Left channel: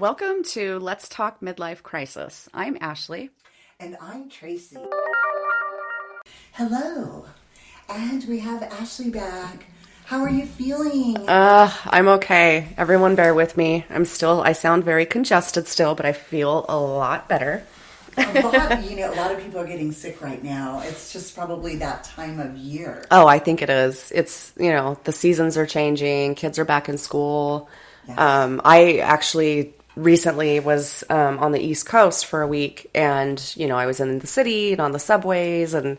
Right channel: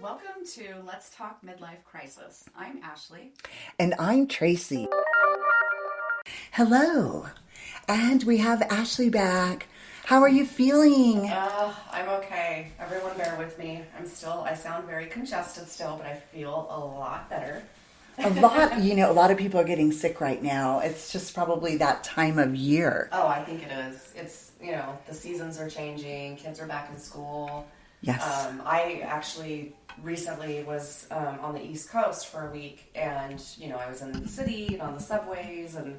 Welcome to Let's Talk Midlife Crisis. I'm Ashley. And I'm Tracy. Hello. And we have Ashley back. How are you feeling? I'm okay. Everyone bear with me. I sound very congested still, but I feel a lot better. A lot of people are getting sick right now. It's just probably that time of year. Oh, I think it is. It's, the seasons are changing. Kids are back in school. Yes. I actually recently was on the East Coast for a week, and, I was in the city and on the subways and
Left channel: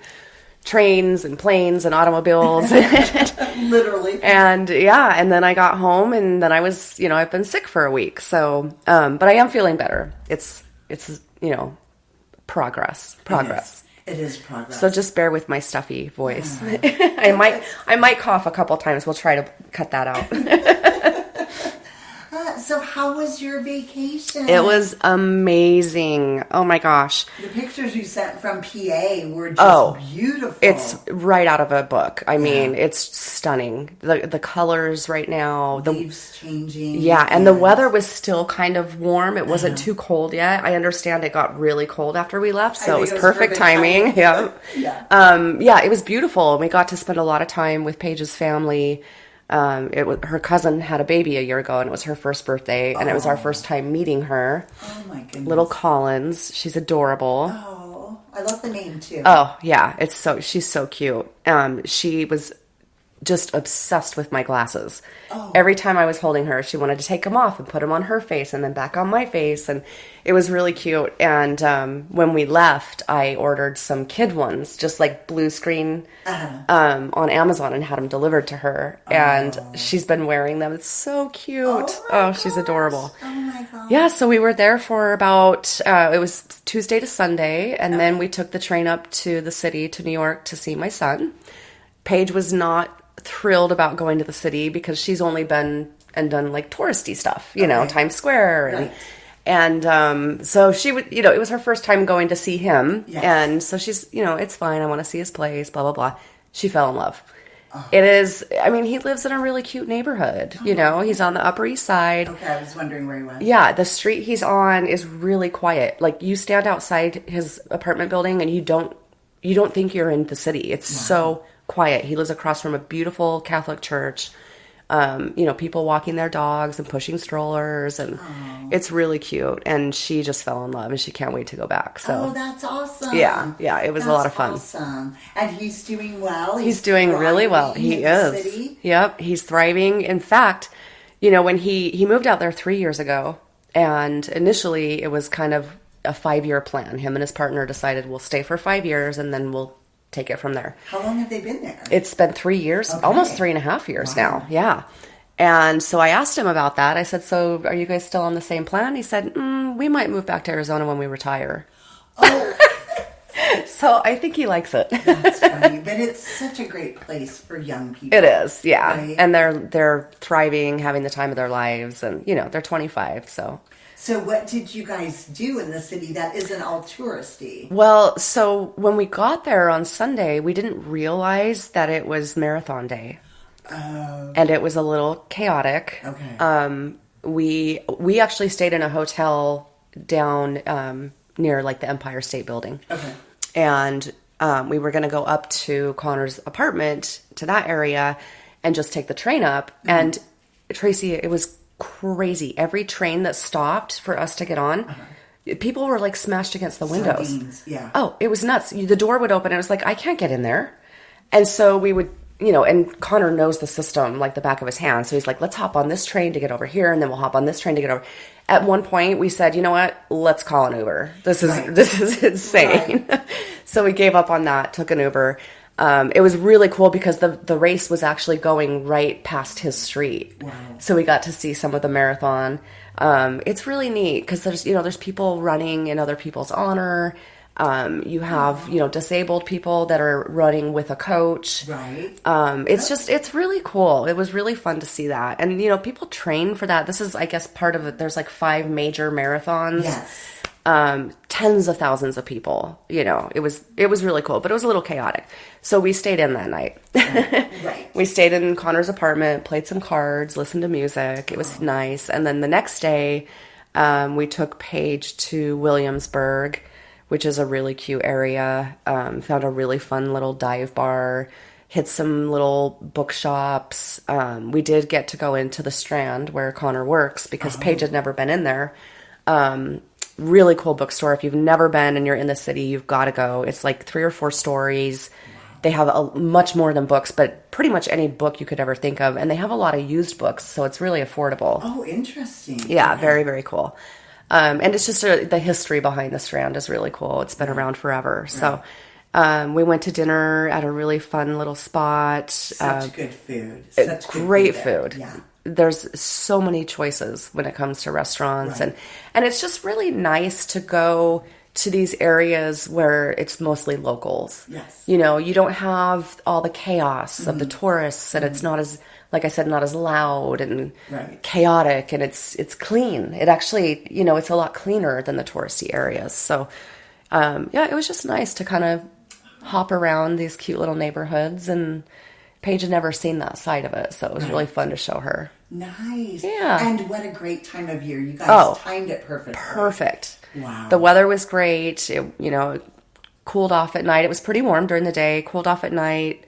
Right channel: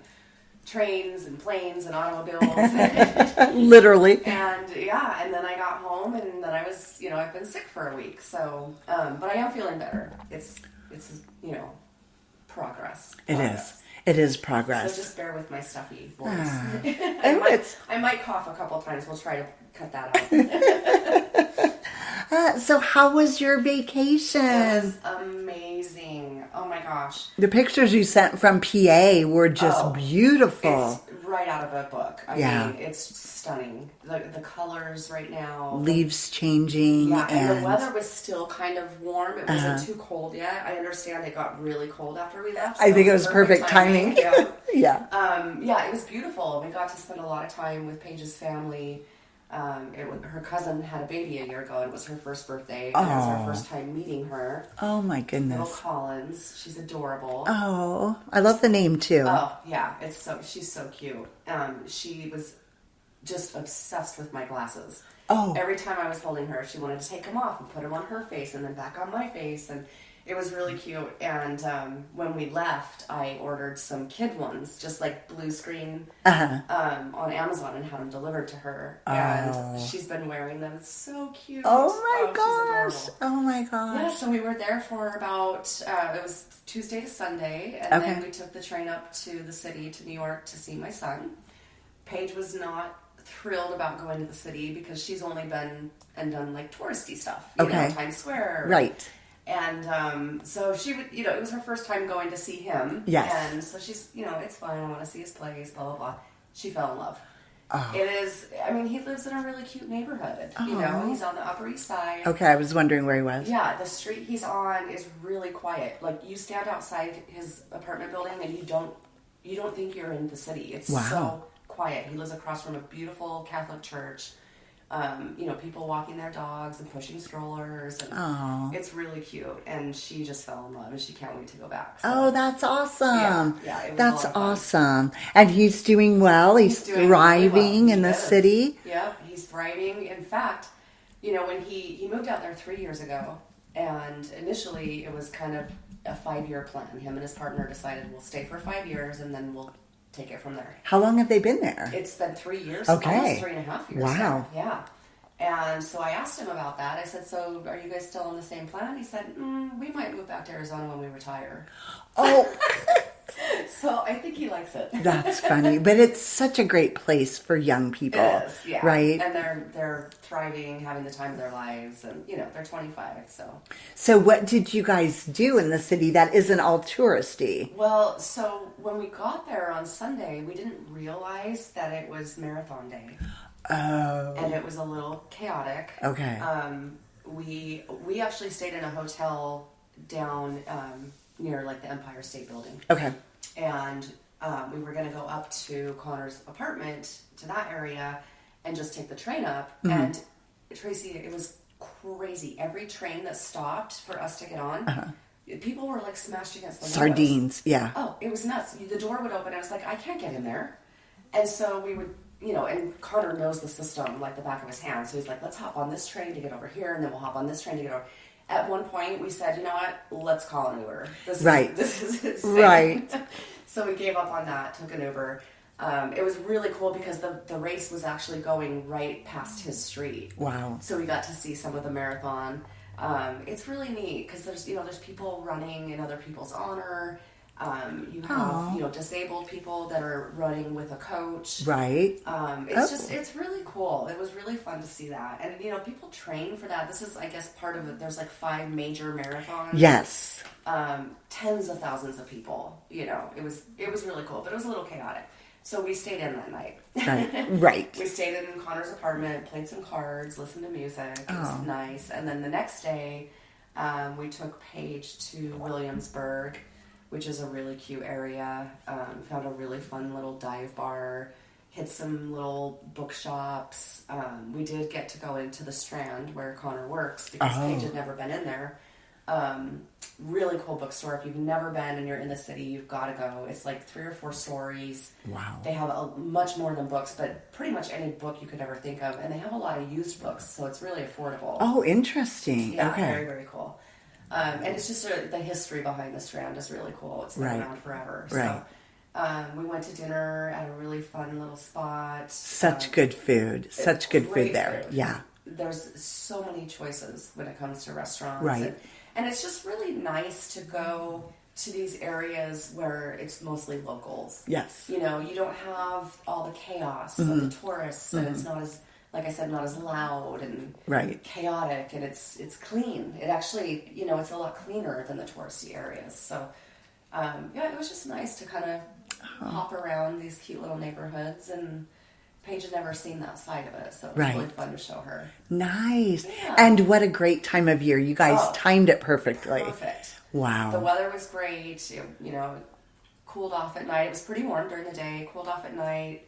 trains and planes and automobiles. Literally. And then I got home, and then I was, I've been sick for a week. So, but I am feeling better. It's progress. It is progress. So just bear with my stuffy voice. I might cough a couple times. We'll try to cut that out. So how was your vacation? It was amazing. Oh my gosh. The pictures you sent from PA were just beautiful. It's right out of a book. I mean, it's stunning. The colors right now. Leaves changing. Yeah, and the weather was still kind of warm. It wasn't too cold yet. I understand it got really cold after we left, so it was perfect timing. Yeah. It was beautiful. We got to spend a lot of time with Paige's family. Her cousin had a baby a year ago, and it was her first birthday, and it was our first time meeting her. Oh my goodness. Little Collins. She's adorable. Oh, I love the name too. Oh, yeah. She's so cute. She was just obsessed with my glasses. Oh. Every time I was holding her, she wanted to take them off and put them on her face and then back on my face, and it was really cute. And when we left, I ordered some kid ones, just like blue screen, on Amazon, and had them delivered to her. And she's been wearing them. It's so cute. Oh, she's adorable. Oh my gosh. Yeah, so we were there for about, it was Tuesday to Sunday, and then we took the train up to the city, to New York, to see my son. Paige was not thrilled about going to the city because she's only been and done like touristy stuff, Times Square. Right. And so she would, it was her first time going to see him. Yes. And so she's, it's fine. I want to see his place, blah, blah, blah. She fell in love. It is, he lives in a really cute neighborhood, he's on the Upper East Side. Okay, I was wondering where he was. Yeah, the street he's on is really quiet. Like, you stand outside his apartment building and you don't think you're in the city. It's so quiet. He lives across from a beautiful Catholic church. People walking their dogs and pushing strollers, and it's really cute. And she just fell in love, and she can't wait to go back. So. Oh, that's awesome. Yeah, it was a lot of fun. Awesome. And he's doing well. He's doing really well. He in the city. Yep, he's thriving. In fact, when he moved out there 3 years ago, and initially it was kind of a 5-year plan. Him and his partner decided we'll stay for 5 years, and then we'll take it from there. How long have they been there? It's been 3 years, almost 3.5 years now. Yeah. And so I asked him about that. I said, so are you guys still on the same plan? He said, we might move back to Arizona when we retire. Oh. So I think he likes it. That's funny. But it's such a great place for young people. It is, yeah. Right? And they're thriving, having the time of their lives. And, they're 25, so... So what did you guys do in the city that isn't all touristy? Well, so when we got there on Sunday, we didn't realize that it was marathon day. Oh. And it was a little chaotic. Okay. We actually stayed in a hotel down near like the Empire State Building. Okay. And we were going to go up to Connor's apartment, to that area, and just take the train up. Mm-hmm. And Tracy, it was crazy. Every train that stopped for us to get on, people were like smashed against the windows. Sardines, yeah. Oh, it was nuts. The door would open and I was like, I can't get in there. And so we would, and Connor knows the system like the back of his hand. So he's like, let's hop on this train to get over here, and then we'll hop on this train to get over. At one point we said, you know what? Let's call an Uber. This is insane. Right. So we gave up on that, took an Uber. It was really cool because the race was actually going right past his street. Wow. So we got to see some of the marathon. It's really neat because there's people running in other people's honor. You have, disabled people that are running with a coach. Right. It's really cool. It was really fun to see that. And, people train for that. This is, I guess, part of it. There's like 5 major marathons. Yes. Tens of thousands of people, it was really cool, but it was a little chaotic. So we stayed in that night. Right. We stayed in Connor's apartment, played some cards, listened to music. It was nice. And then the next day, We took Paige to Williamsburg, which is a really cute area. Found a really fun little dive bar, hit some little bookshops. We did get to go into the Strand where Connor works because Paige had never been in there. Really cool bookstore. If you've never been and you're in the city, you've got to go. It's like 3 or 4 stories. Wow. They have much more than books, but pretty much any book you could ever think of. And they have a lot of used books, so it's really affordable. Oh, interesting. Yeah, okay. Very, very cool. And it's just the history behind the Strand is really cool. It's been around forever. Right. So we went to dinner at a really fun little spot. Such good food. Such good great food. Yeah. There's so many choices when it comes to restaurants. Right. And it's just really nice to go to these areas where it's mostly locals. Yes. You know, you don't have all the chaos of the tourists, and it's not as, like I said, not as loud and chaotic, and it's clean. It actually, you know, it's a lot cleaner than the touristy areas. So, yeah, it was just nice to kind of hop around these cute little neighborhoods, and Paige had never seen that side of it, so it was really fun to show her. Nice. Yeah. And what a great time of year. You guys timed it perfectly. Perfect. Wow. The weather was great. It, you know, cooled off at night. It was pretty warm during the day, cooled off at night.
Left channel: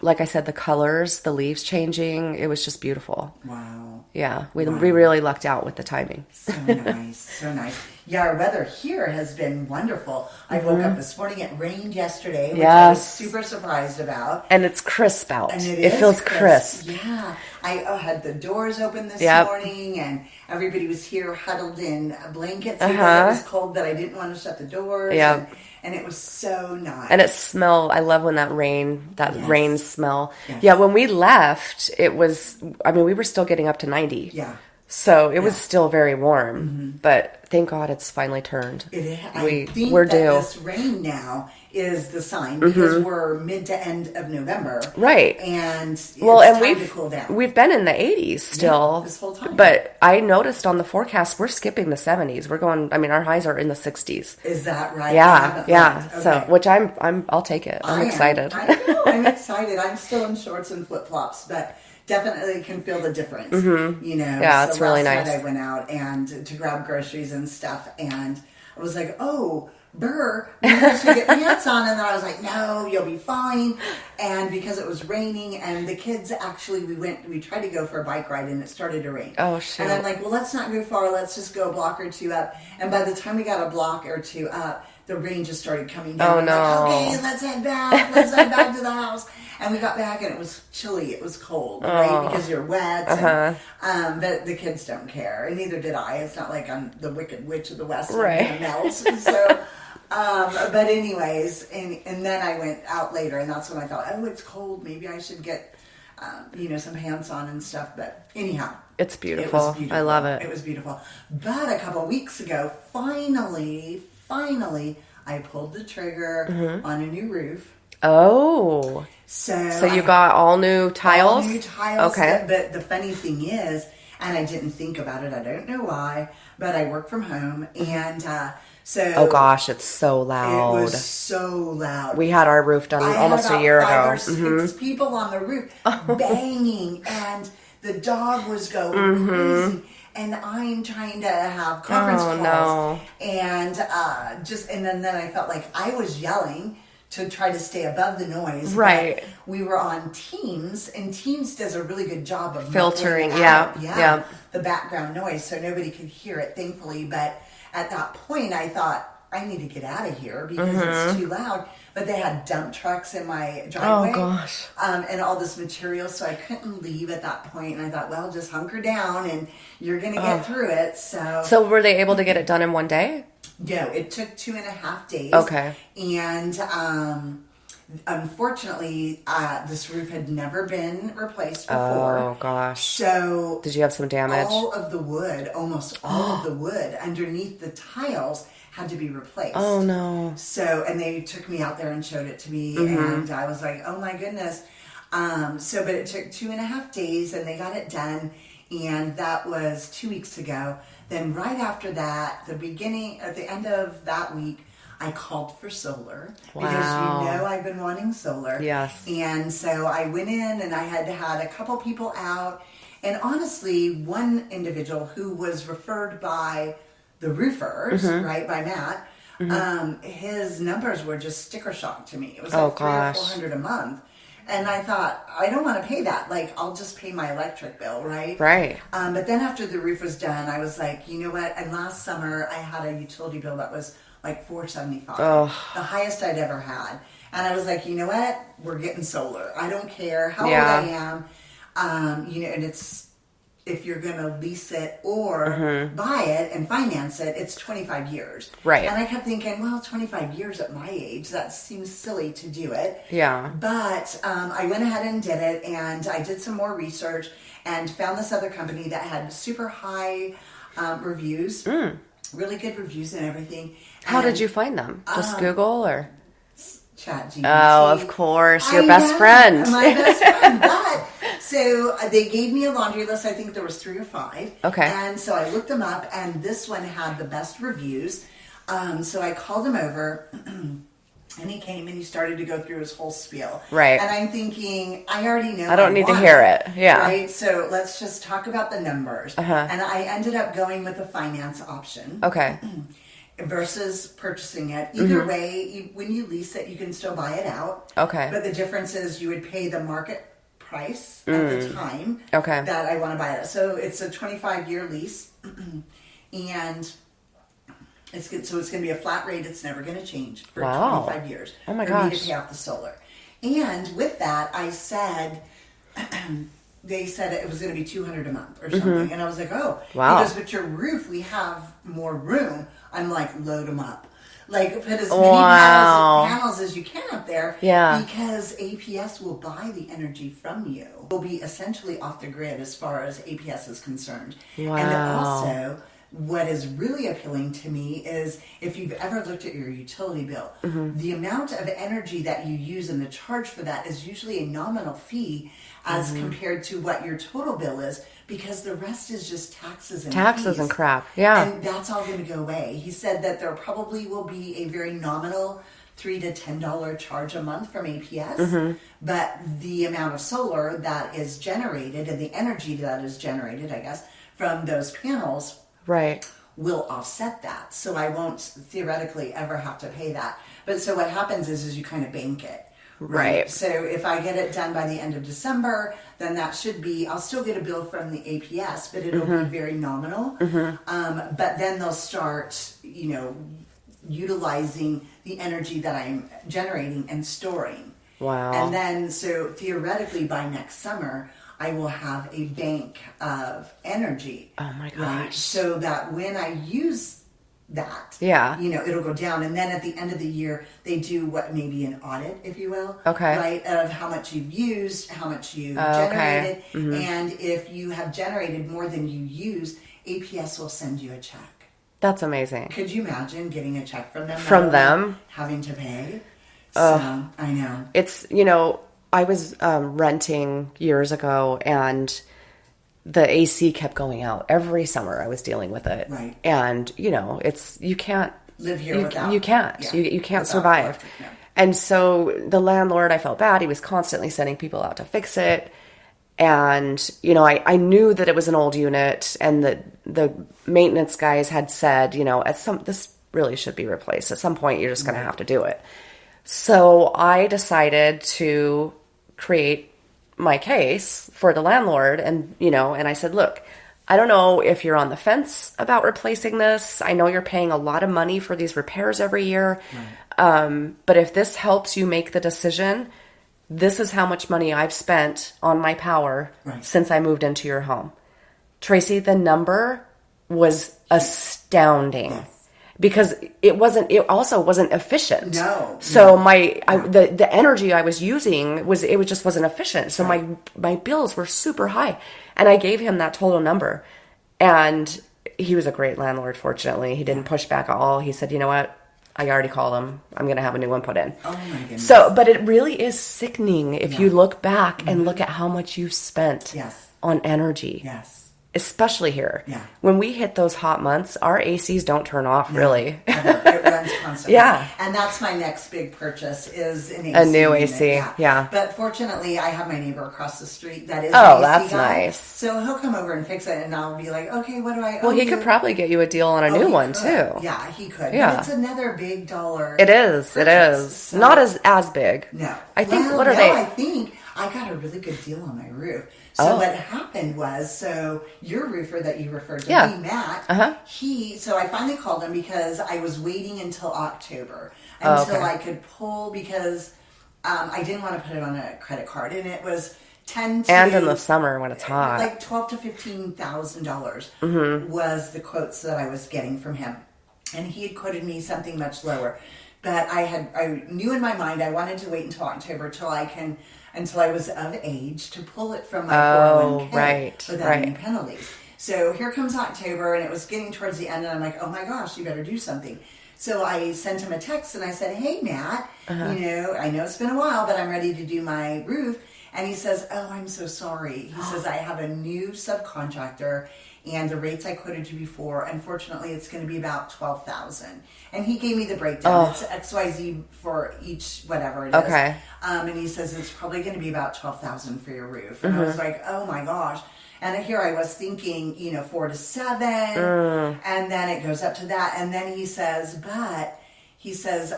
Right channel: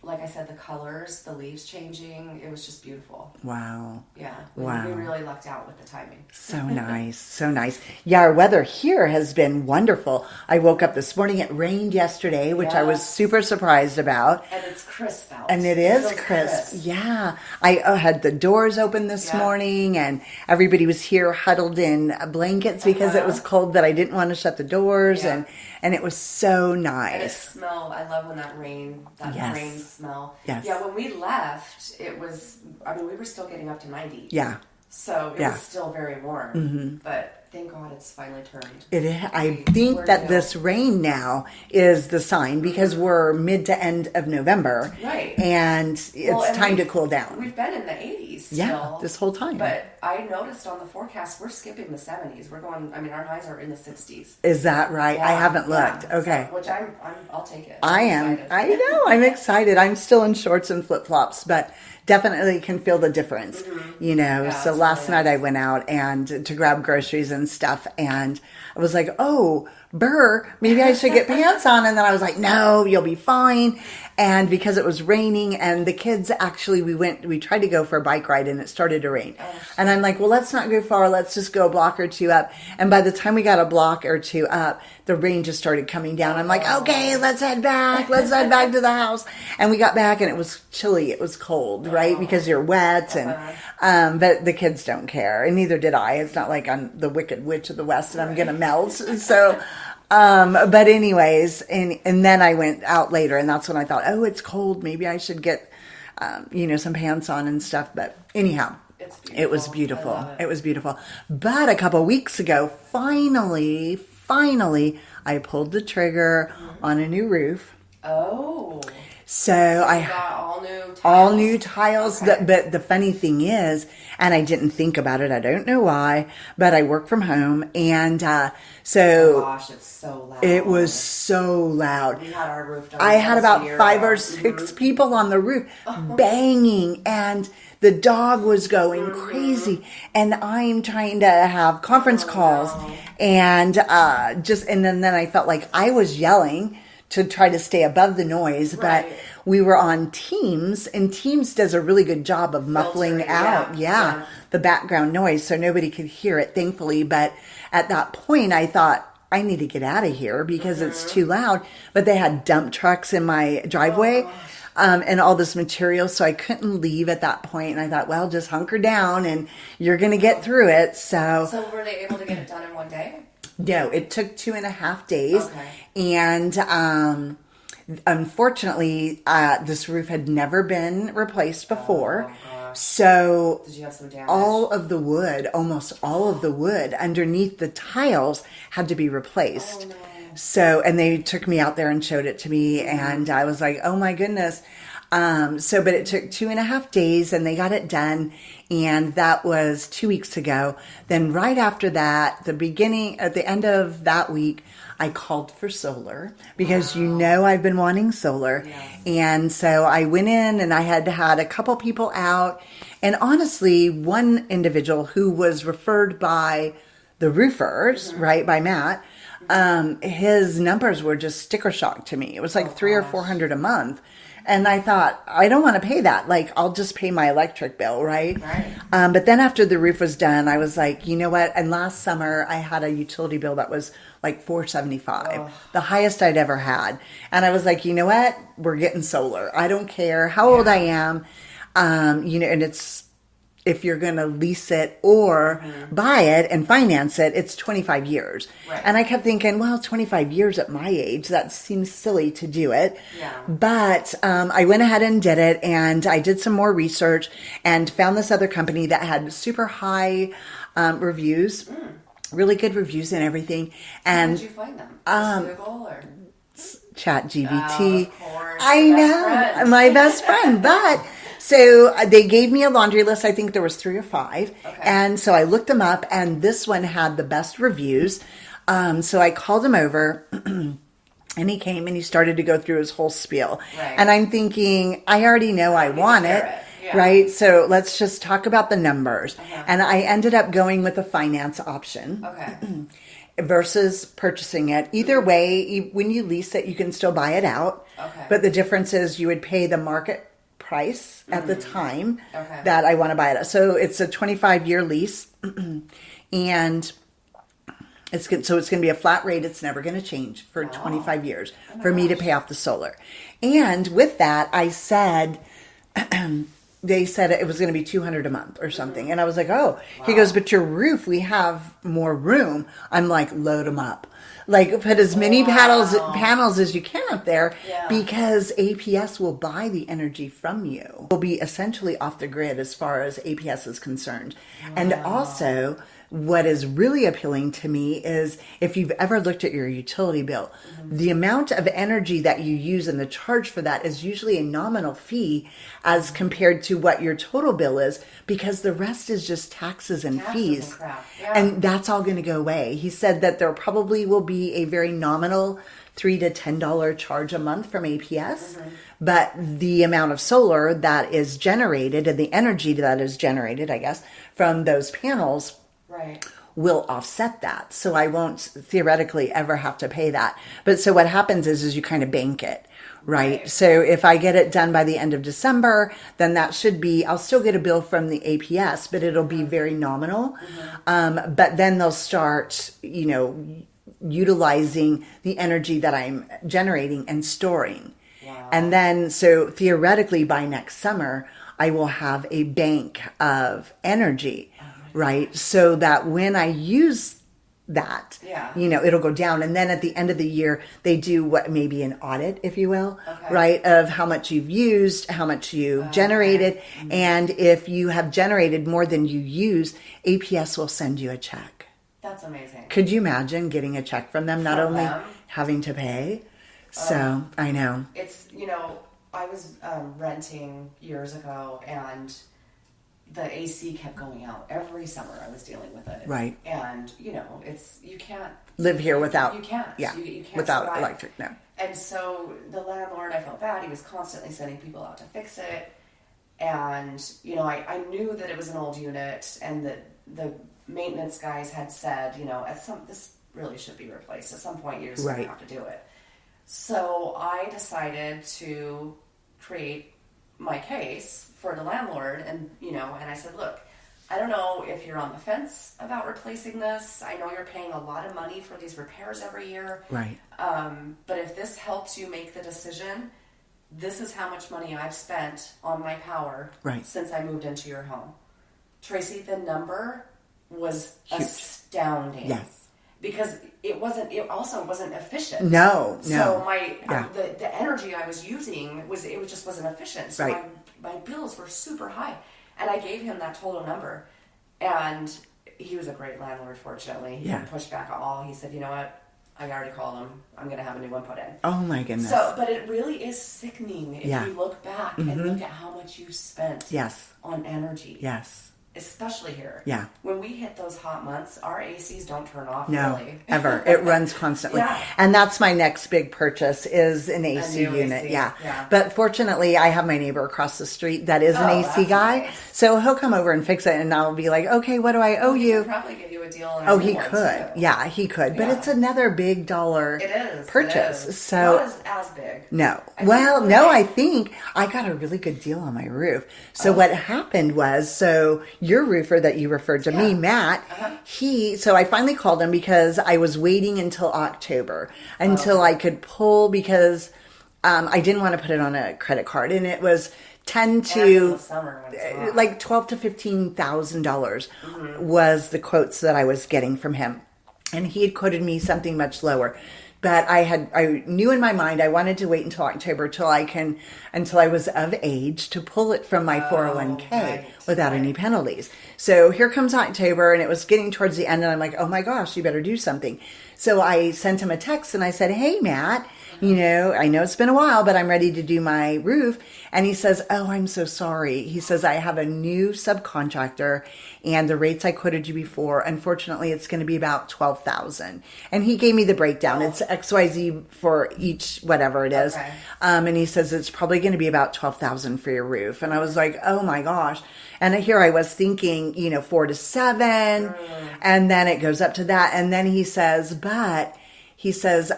Like I said, the colors, the leaves changing, it was just beautiful. Wow. Yeah, we really lucked out with the timing. So nice, so nice. Yeah, our weather here has been wonderful. I woke up this morning, it rained yesterday, which I was super surprised about. And it's crisp out. And it feels crisp. Yeah. I had the doors open this morning, and everybody was here huddled in blankets because it was cold, that I didn't want to shut the doors. And it was so nice. And it smelled, I love when that rain smell. Yes. Yeah, when we left, it was, I mean, we were still getting up to 90. Yeah. So it was still very warm, but thank God it's finally turned. I think that this rain now is the sign, because we're mid to end of November. Right. And it's time to cool down. We've been in the 80s still. This whole time. But I noticed on the forecast, we're skipping the 70s. We're going, I mean, our highs are in the 60s. Is that right? Yeah. I haven't looked. Okay. So, which I'll take it. I'm excited. I know. I'm excited. I'm still in shorts and flip-flops, but definitely can feel the difference, you know. Yeah, so it's last really nice. night I went out and to grab groceries and stuff, and I was like, oh, Burr, maybe I should get pants on. And then I was like, no, you'll be fine. And because it was raining, and the kids actually, we tried to go for a bike ride, and it started to rain. Oh, shit. And I'm like, well, let's not go far. Let's just go a block or two up. And by the time we got a block or two up, the rain just started coming down. I'm like, okay, let's head back. Let's head back to the house. And we got back, and it was chilly. It was cold, right? Because you're wet. And, but the kids don't care, and neither did I. It's not like I'm the Wicked Witch of the West and I'm going to melt. So, but anyways, and then I went out later, and that's when I thought, oh, it's cold. Maybe I should get, some pants on and stuff. But anyhow. It's beautiful. It was beautiful. I love it. It was beautiful. But a couple weeks ago, finally, I pulled the trigger on a new roof. Oh. So you got all new tiles? All new tiles. Okay. But the funny thing is, and I didn't think about it, I don't know why, but I work from home, and so... Oh gosh, it's so loud. It was so loud. We had our roof done almost a year ago. I had about 5 or 6 people on the roof banging, and... The dog was going crazy, and I'm trying to have conference calls, and and then I felt like I was yelling to try to stay above the noise. Right. But we were on Teams, and Teams does a really good job of filtering out, yeah, the background noise, so nobody could hear it, thankfully. But at that point, I thought, I need to get out of here because it's too loud. But they had dump trucks in my driveway and all this material, so I couldn't leave at that point. And I thought, well, just hunker down and you're going to get through it. So were they able to get it done in one day? No, it took 2.5 days. Okay. And unfortunately, this roof had never been replaced before. Oh, gosh. So... Did you have some damage? All of the wood, almost all of the wood underneath the tiles had to be replaced. Oh, no. So, and they took me out there and showed it to me, and I was like, oh my goodness. But it took 2.5 days, and they got it done, and that was 2 weeks ago. Then right after that, at the end of that week, I called for solar because I've been wanting solar. Yes. And so I went in, and I had a couple people out, And honestly, one individual who was referred by the roofers, right, by Matt, his numbers were just sticker shock to me. It was like three or 400 a month. And I thought, I don't want to pay that. Like, I'll just pay my electric bill, right? Right. But then after the roof was done, I was like, you know what? And last summer, I had a utility bill that was like $475, the highest I'd ever had. And I was like, you know what? We're getting solar. I don't care how old I am. You know, and it's, if you're going to lease it or buy it and finance it, it's 25 years. Right. And I kept thinking, well, 25 years at my age, that seems silly to do it. Yeah. But I went ahead and did it, and I did some more research and found this other company that had super high reviews, really good reviews and everything. How And did you find them? Just Google or? ChatGPT. Oh, of course, your best friend. My best friend. But so they gave me a laundry list. I think there was 3 or 5. Okay. And so I looked them up, and this one had the best reviews. So I called him over, and he came and he started to go through his whole spiel. Right. And I'm thinking, I already know I don't need to hear it. Yeah. Right. So let's just talk about the numbers. And I ended up going with a finance option. Okay. Versus purchasing it. Either way, when you lease it, you can still buy it out. Okay. But the difference is you would pay the market price at the time that I want to buy it at. So it's a 25-year lease. And it's good. So it's going to be a flat rate. It's never going to change for 25 years for me to pay off the solar. And with that, I said... they said it was going to be $200 a month or something. And I was like, oh. Wow. He goes, but your roof, we have more room. I'm like, load them up. Like, put as many panels as you can up there. Yeah. Because APS will buy the energy from you. Will be essentially off the grid as far as APS is concerned. Wow. And also... what is really appealing to me is if you've ever looked at your utility bill, the amount of energy that you use and the charge for that is usually a nominal fee as compared to what your total bill is, because the rest is just taxes and fees. And crap. Yeah. And that's all going to go away. He said that there probably will be a very nominal $3 to $10 charge a month from APS, but the amount of solar that is generated and the energy that is generated, I guess, from those panels will offset that. So I won't theoretically ever have to pay that. But so what happens is you kind of bank it, right? So if I get it done by the end of December, then that should be, I'll still get a bill from the APS, but it'll be very nominal. But then they'll start, you know, utilizing the energy that I'm generating and storing. Wow. And then, so theoretically by next summer, I will have a bank of energy, right? So that when I use that, you know, it'll go down. And then at the end of the year, they do what maybe an audit, if you will, right? Of how much you've used, how much you generated. And if you have generated more than you use, APS will send you a check. That's amazing. Could you imagine getting a check from them? From them? Having to pay. So I know. It's, you know, I was renting years ago, and the AC kept going out every summer. I was dealing with it, right? And you know, it's you can't live here without. You can't. Yeah, you can't without survive. electric, no. And so the landlord, I felt bad. He was constantly sending people out to fix it, and you know, I knew that it was an old unit, and the maintenance guys had said, you know, this really should be replaced. At some point, you're just going to have to do it. So I decided to create my case for the landlord, and you know, and I said, look, I don't know if you're on the fence about replacing this. I know you're paying a lot of money for these repairs every year. Right. But if this helps you make the decision, this is how much money I've spent on my power since I moved into your home. Tracy, the number was astounding. Yes. Because it also wasn't efficient. No. So the energy I was using just wasn't efficient. So my bills were super high. And I gave him that total number. And he was a great landlord, fortunately. He didn't push back at all. He said, you know what? I already called him. I'm going to have a new one put in. Oh my goodness. So, but it really is sickening if you look back and look at how much you've spent on energy. Yes. especially here. Yeah. When we hit those hot months, our ACs don't turn off really. Ever. It runs constantly. Yeah. And that's my next big purchase is an AC. A new unit. AC. Yeah. But fortunately, I have my neighbor across the street that is Oh, an AC that's guy. nice. So he'll come over and fix it, and I'll be like, okay, what do I owe Well, he you? could probably get you a deal on a new he one could. too. Yeah, he could. Yeah. But it's another big dollar. It is. Purchase. It is. So, Not as big. No. What are they? I think I got a really good deal on my roof. So what happened was, your roofer that you referred to me, Matt, so I finally called him because I was waiting until October until I could pull because I didn't want to put it on a credit card, and it was 10 to And in the summer when it's hot. like $12,000 to $15,000 was the quotes that I was getting from him, and he had quoted me something much lower. But I knew in my mind I wanted to wait until October until I was of age to pull it from my 401k without any penalties. So here comes October, and it was getting towards the end, and I'm like, oh my gosh, you better do something. So I sent him a text and I said, hey, Matt, I know it's been a while, but I'm ready to do my roof. And he says, oh, I'm so sorry. He says, I have a new subcontractor, and the rates I quoted you before, unfortunately, it's going to be about $12,000. And he gave me the breakdown. It's XYZ for each, whatever it is. Okay. And he says, it's probably going to be about $12,000 for your roof. And I was like, oh my gosh. And here I was thinking, 4 to 7, and then it goes up to that. And then he says,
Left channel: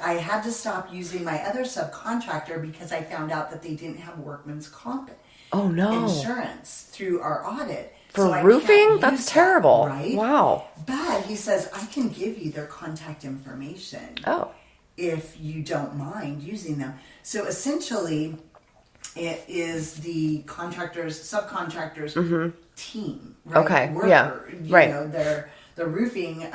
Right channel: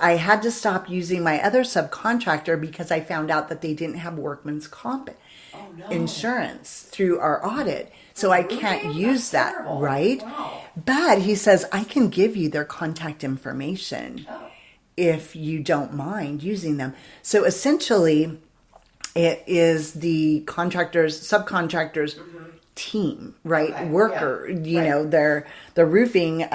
I had to stop using my other subcontractor because I found out that they didn't have workman's comp insurance through our audit. For I roofing? can't use That's that, terrible. right? Wow. But he says, I can give you their contact information if you don't mind using them. So essentially, it is the subcontractors team, right? Okay. Worker, Yeah. the roofing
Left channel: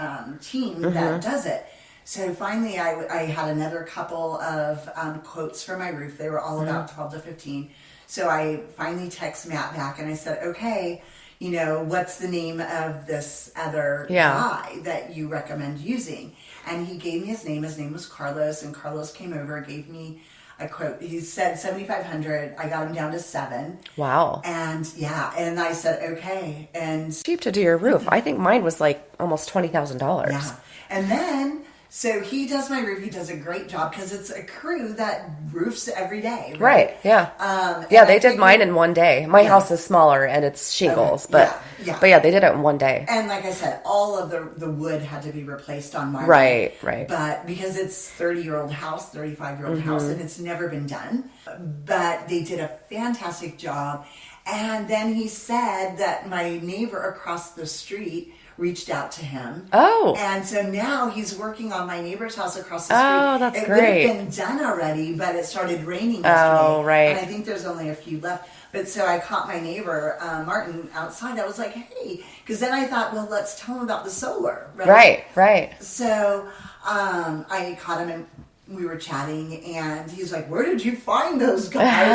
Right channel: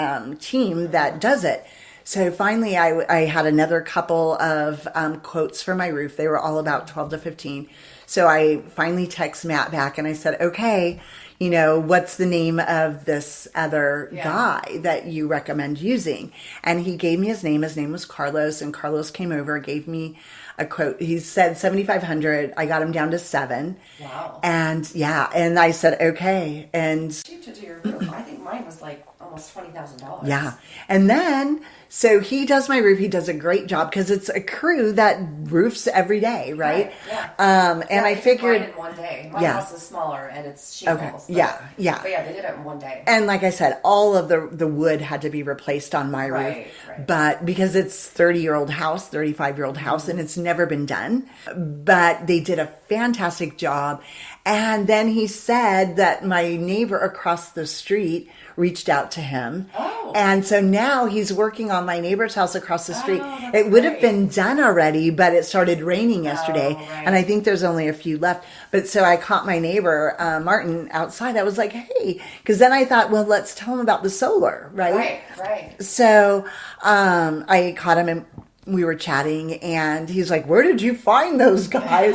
team that does it. So finally, I had another couple of quotes for my roof. They were all about 12 to 15. So I finally text Matt back and I said, okay, what's the name of this other guy that you recommend using? And he gave me his name. His name was Carlos, and Carlos came over, gave me a quote. He said $7,500. I got him down to $7,000. Wow. And and I said, okay. And Cheap to do your roof. I think mine was like almost $20,000. yeah. And then, so he does my roof. He does a great job because it's a crew that roofs every day, right? Yeah. And They did mine in one day. My house is smaller and it's shingles, but But yeah, they did it in one day. And like I said, all of the wood had to be replaced on my roof. Right. But because it's 30-year-old house, 35-year-old house, and it's never been done. But they did a fantastic job. And then he said that my neighbor across the street reached out to him. Oh. And so now he's working on my neighbor's house across the street. Oh, that's it would have great. been done already, but it started raining yesterday. Oh, right. And I think there's only a few left. But so I caught my neighbor, Martin, outside. I was like, hey, because then I thought, well, let's tell him about the solar, right? Right. So I caught him and we were chatting, and he's like, where did you find those guys?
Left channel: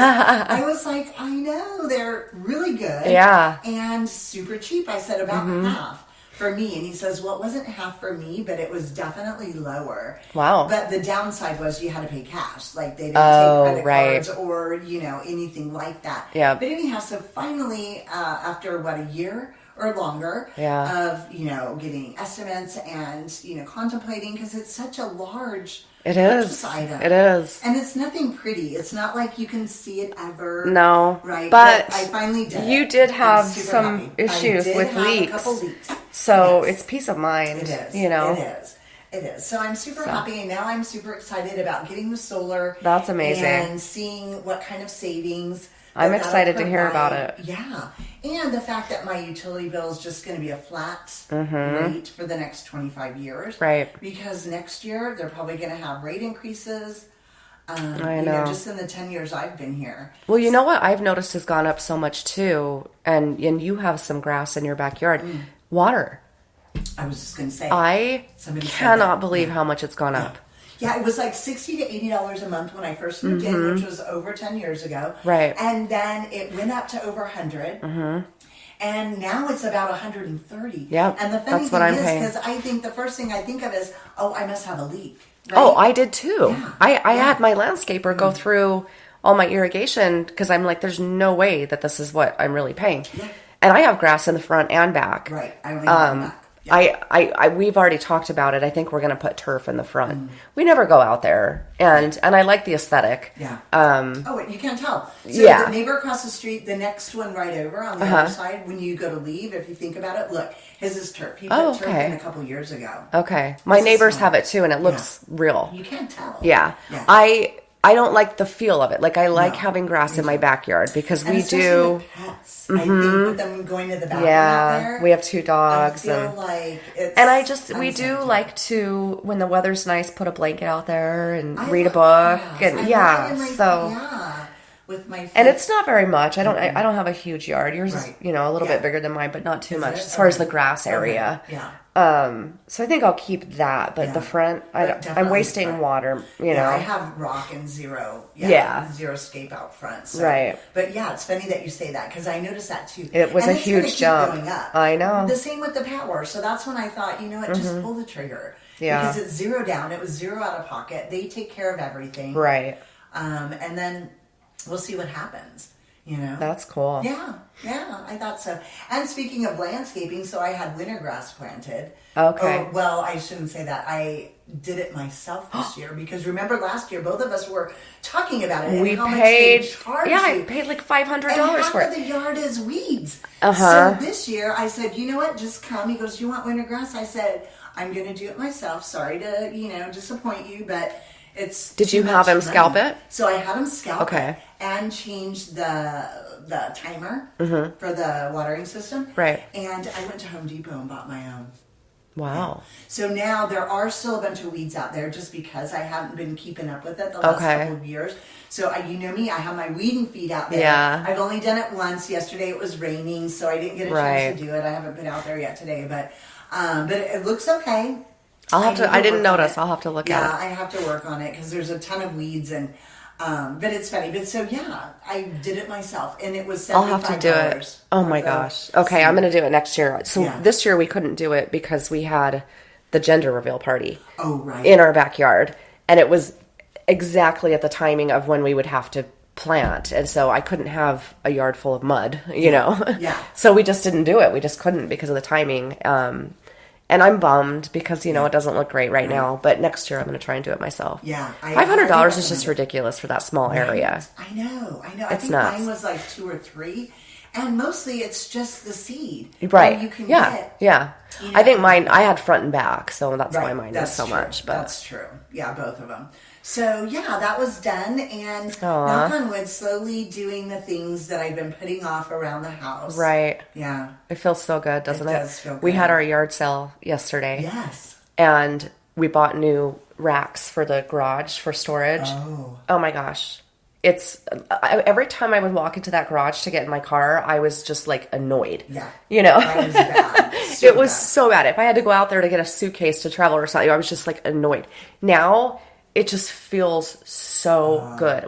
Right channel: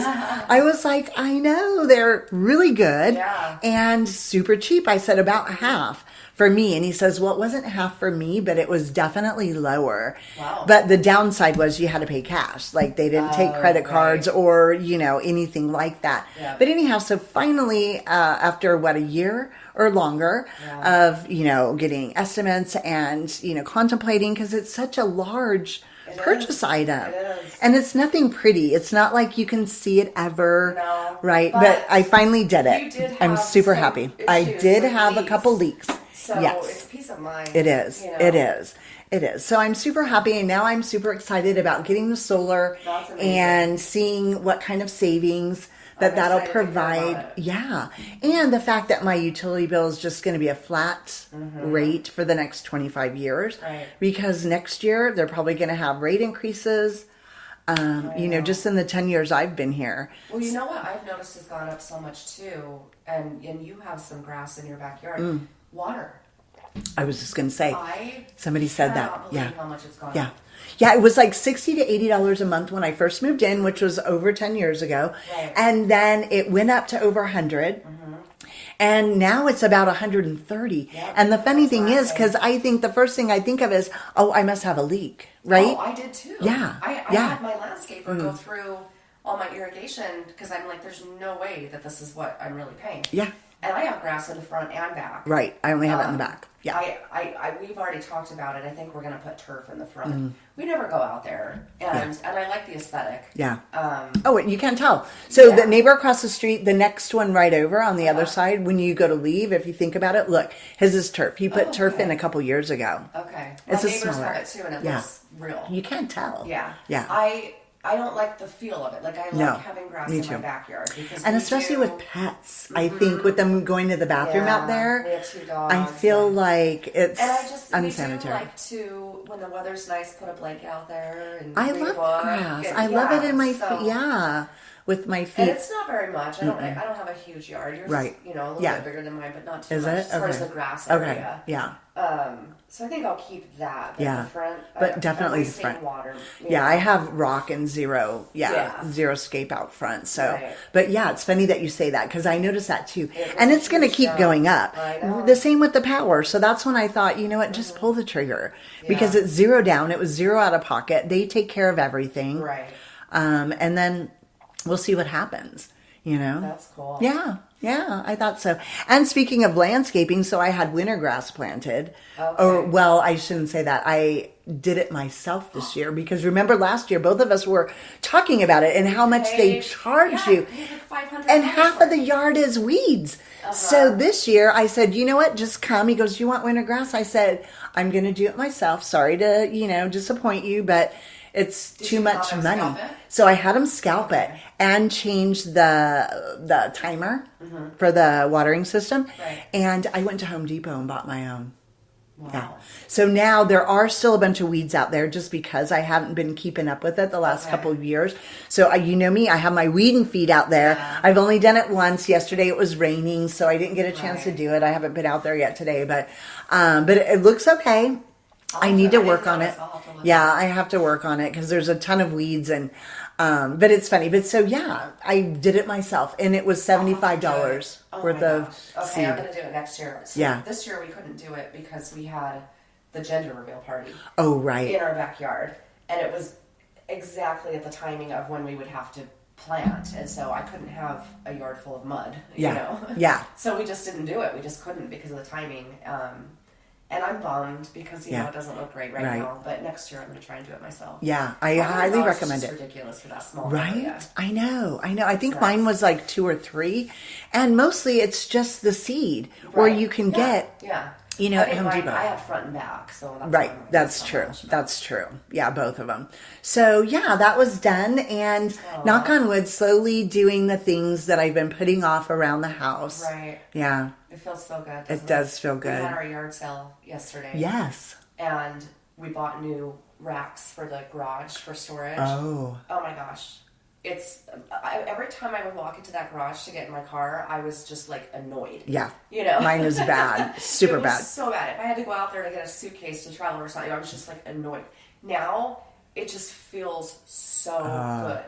I was like, I know, they're really good. Yeah. And super cheap. I said about half for me. And he says, well, it wasn't half for me, but it was definitely lower. Wow. But the downside was you had to pay cash. Like they didn't take credit cards or, anything like that. Yeah. But anyhow, so finally, after a year or longer of, getting estimates and, contemplating, because it's such a large purchase item. It is. And it's nothing pretty. It's not like you can see it ever. No. Right? But I finally did it. You did have I'm super some happy. issues I did with have leaks. a couple leaks. So Yes. it's peace of mind. It is. It is. So I'm super happy, and now I'm super excited about getting the solar. That's amazing. And seeing what kind of savings I'm that'll excited to hear about provide. it. Yeah. And the fact that my utility bill is just going to be a flat rate for the next 25 years. Right. Because next year they're probably going to have rate increases. I know. Just in the 10 years I've been here. Well, you know what I've noticed has gone up so much too, and you have some grass in your backyard. Water. I was just going to say. Somebody said that. cannot believe how much it's gone up. Yeah, it was like $60 to $80 a month when I first moved in, which was over 10 years ago. Right. And then it went up to over 100. And now it's about 130. Yep, And the funny that's what thing I'm is, paying. because I think the first thing I think of is, I must have a leak. Right? Oh, I did too. Yeah. I had my landscaper go through all my irrigation because I'm like, there's no way that this is what I'm really paying. Yeah. And I have grass in the front and back. Right. I only have it in the back. Yeah. We've already talked about it. I think we're going to put turf in the front. We never go out there, and I like the aesthetic. Yeah. Oh, and you can't tell. So the neighbor across the street, the next one right over on the other side, when you go to leave, if you think about it, look, his is turf. He put turf in a couple years ago. Okay. My neighbors have it too, and it looks real. You can't tell. Yeah. Yeah. I don't like the feel of it. Like, I like having grass in my backyard because and we especially do. With pets. I think with them going to the bathroom out there. We have 2 dogs. I feel like it's. And we do like to, when the weather's nice, put a blanket out there and read a book. Grass. And I love it in my with my feet. And it's not very much. I don't have a huge yard. Yours is, a little bit bigger than mine, but not too much as far as the grass area. Okay. Yeah. So I think I'll keep that, but the front, I'm wasting water. You know, I have rock and zero scape out front. So. Right. But yeah, it's funny that you say that because I noticed that too. It was and a it's going to keep going up. I know. The same with the power. So that's when I thought, you know what, just pull the trigger because it's zero down. It was zero out of pocket. They take care of everything. Right. And then we'll see what happens. That's cool. Yeah, I thought so. And speaking of landscaping, so I had winter grass planted. Okay. Oh, well, I shouldn't say that. I did it myself this year because remember last year both of us were talking about it and how much they charge you. I paid like $500 and half for it. of the yard is weeds. So this year I said, you know what? Just come. He goes, you want winter grass? I said, I'm going to do it myself. Sorry to, disappoint you, but it's Did too you much have him money. scalp it? So I had him scalp it and change the timer for the watering system. Right. And I went to Home Depot and bought my own. Wow. Yeah. So now there are still a bunch of weeds out there just because I haven't been keeping up with it the last couple of years. So you know me, I have my weeding feed out there. Yeah. I've only done it once. Yesterday it was raining, so I didn't get a chance to do it. I haven't been out there yet today, but it looks okay. I didn't notice. I'll have to look at it. Yeah, I have to work on it because there's a ton of weeds and but it's funny. But so yeah, I did it myself and it was $75. Oh my gosh. Okay, I'm going to do it next year. So this year we couldn't do it because we had the gender reveal party. Oh, right. In our backyard. And it was exactly at the timing of when we would have to plant. And so I couldn't have a yard full of mud, you know? Yeah. So we just didn't do it. We just couldn't because of the timing. And I'm bummed because, it doesn't look great right now. But next year I'm going to try and do it myself. Yeah. $500 is just ridiculous for that small area. I know. I think mine was like 2 or 3. And mostly it's just the seed. Right. Where you can get. Yeah. I think mine, I had front and back. So that's why mine is so much. But. That's true. Yeah, both of them. So yeah, that was done. And knock on wood, slowly doing the things that I've been putting off around the house. Right. Yeah. It feels so good, doesn't it? It does feel good. We had our yard sale yesterday. Yes. And we bought new racks for the garage for storage. Oh my gosh. Every time I would walk into that garage to get in my car, I was just like annoyed. Yeah. Mine was bad. It was so bad. If I had to go out there to get a suitcase to travel or something, I was just like annoyed. Now it just feels so good.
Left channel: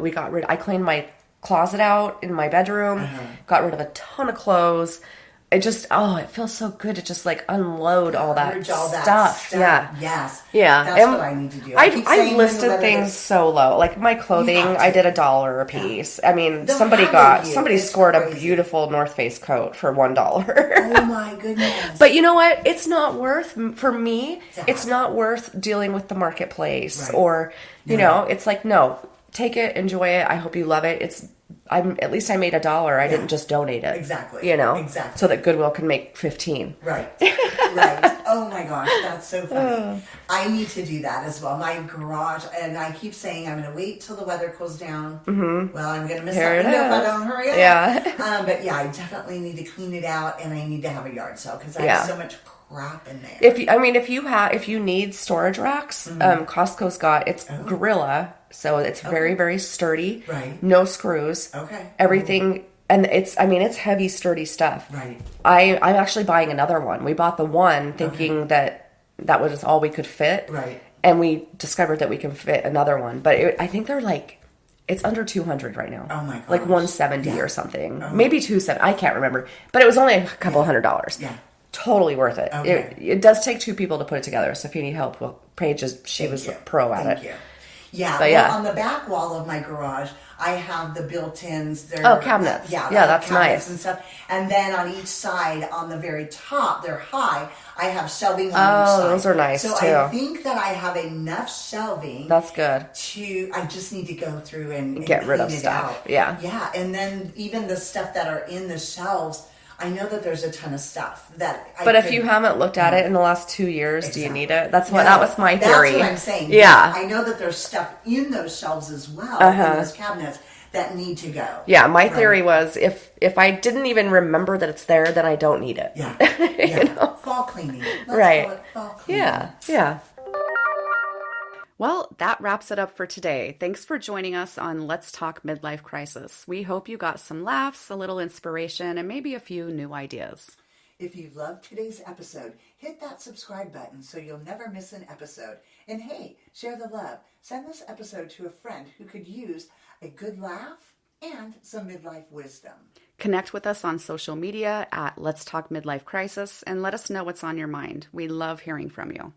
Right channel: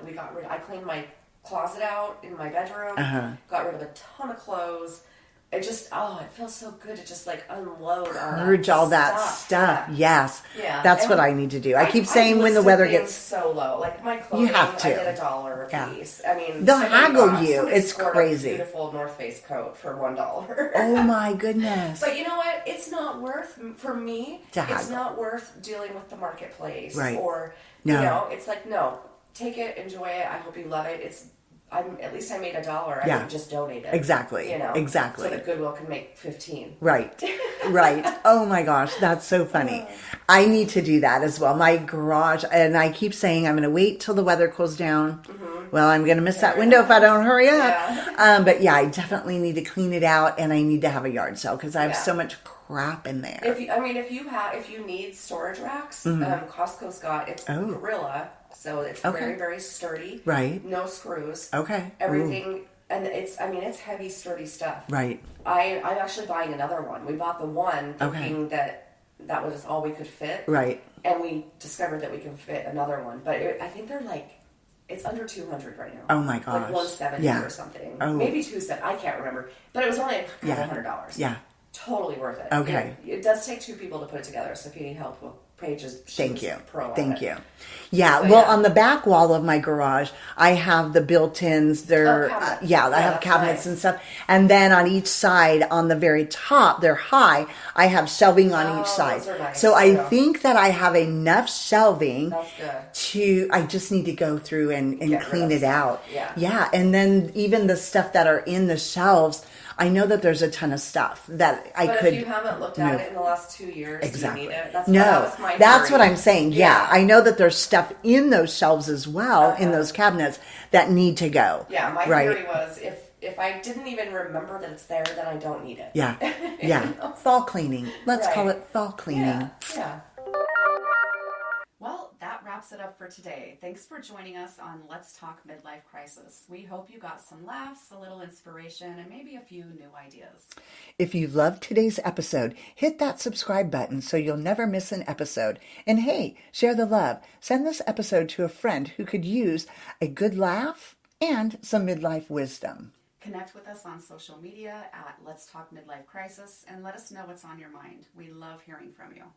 I cleaned my closet out in my bedroom, got rid of a ton of clothes. It just, it feels so good to just like unload all that stuff. Yeah. Yes. Yeah. That's what I need to do. I keep saying when the weather things gets so low. Like my clothing, I did $1 a piece. Yeah. I mean, somebody scored a beautiful North Face coat for $1. Oh my goodness. But you know what? It's not worth, for me, it's not worth dealing with the marketplace or, it's like, no, take it, enjoy it. I hope you love it. At least I made $1. I didn't just donate it. Exactly. Exactly. So that Goodwill can make 15. Right. Right. Oh my gosh, that's so funny. I need to do that as well. My garage, and I keep saying I'm going to wait till the weather cools down. Mm-hmm. Well, I'm going to miss that window if I don't hurry up. Yeah. But yeah, I definitely need to clean it out, and I need to have a yard sale because I have so much crap in there. If you need storage racks, Costco's got Gorilla. So it's very, very sturdy. Right. No screws. Okay. Everything. And it's heavy, sturdy stuff. Right. I'm actually buying another one. We bought the one thinking that was all we could fit. Right. And we discovered that we can fit another one. But I think they're like, it's under 200 right now. Oh my gosh. Like 170 or something. Maybe 270. I can't remember. But it was only a couple $100. Yeah. Totally worth it. Okay. It does take 2 people to put it together. So if you need help, Paige she was a pro at it. Thank you. Yeah, But well, on the back wall of my garage, I have the built-ins. They're cabinets. yeah, That's cabinets nice. and stuff. And then on each side, on the very top, they're high. I have shelving on each side. Those are nice, So too. I think that I have enough shelving. That's good. I just need to go through and Get rid clean of it stuff. out. Yeah. Yeah, and then even the stuff that are in the shelves, I know that there's a ton of stuff that I But could, if you haven't looked at it in the last 2 years, do you Exactly. need it? That No, was my theory. That's what I'm saying. Yeah. I know that there's stuff in those shelves as well, in those cabinets, that need to go. Yeah, my Right. theory was if I didn't even remember that it's there, then I don't need it. Yeah. You Yeah. know? Fall cleaning. Let's Right. call it fall cleaning. Yeah, yeah. Well, that wraps it up for today. Thanks for joining us on Let's Talk Midlife Crisis. We hope you got some laughs, a little inspiration, and maybe a few new ideas. If you loved today's episode, hit that subscribe button so you'll never miss an episode. And hey, share the love. Send this episode to a friend who could use a good laugh and some midlife wisdom. Connect with us on social media at Let's Talk Midlife Crisis and let us know what's on your mind. We love hearing from you.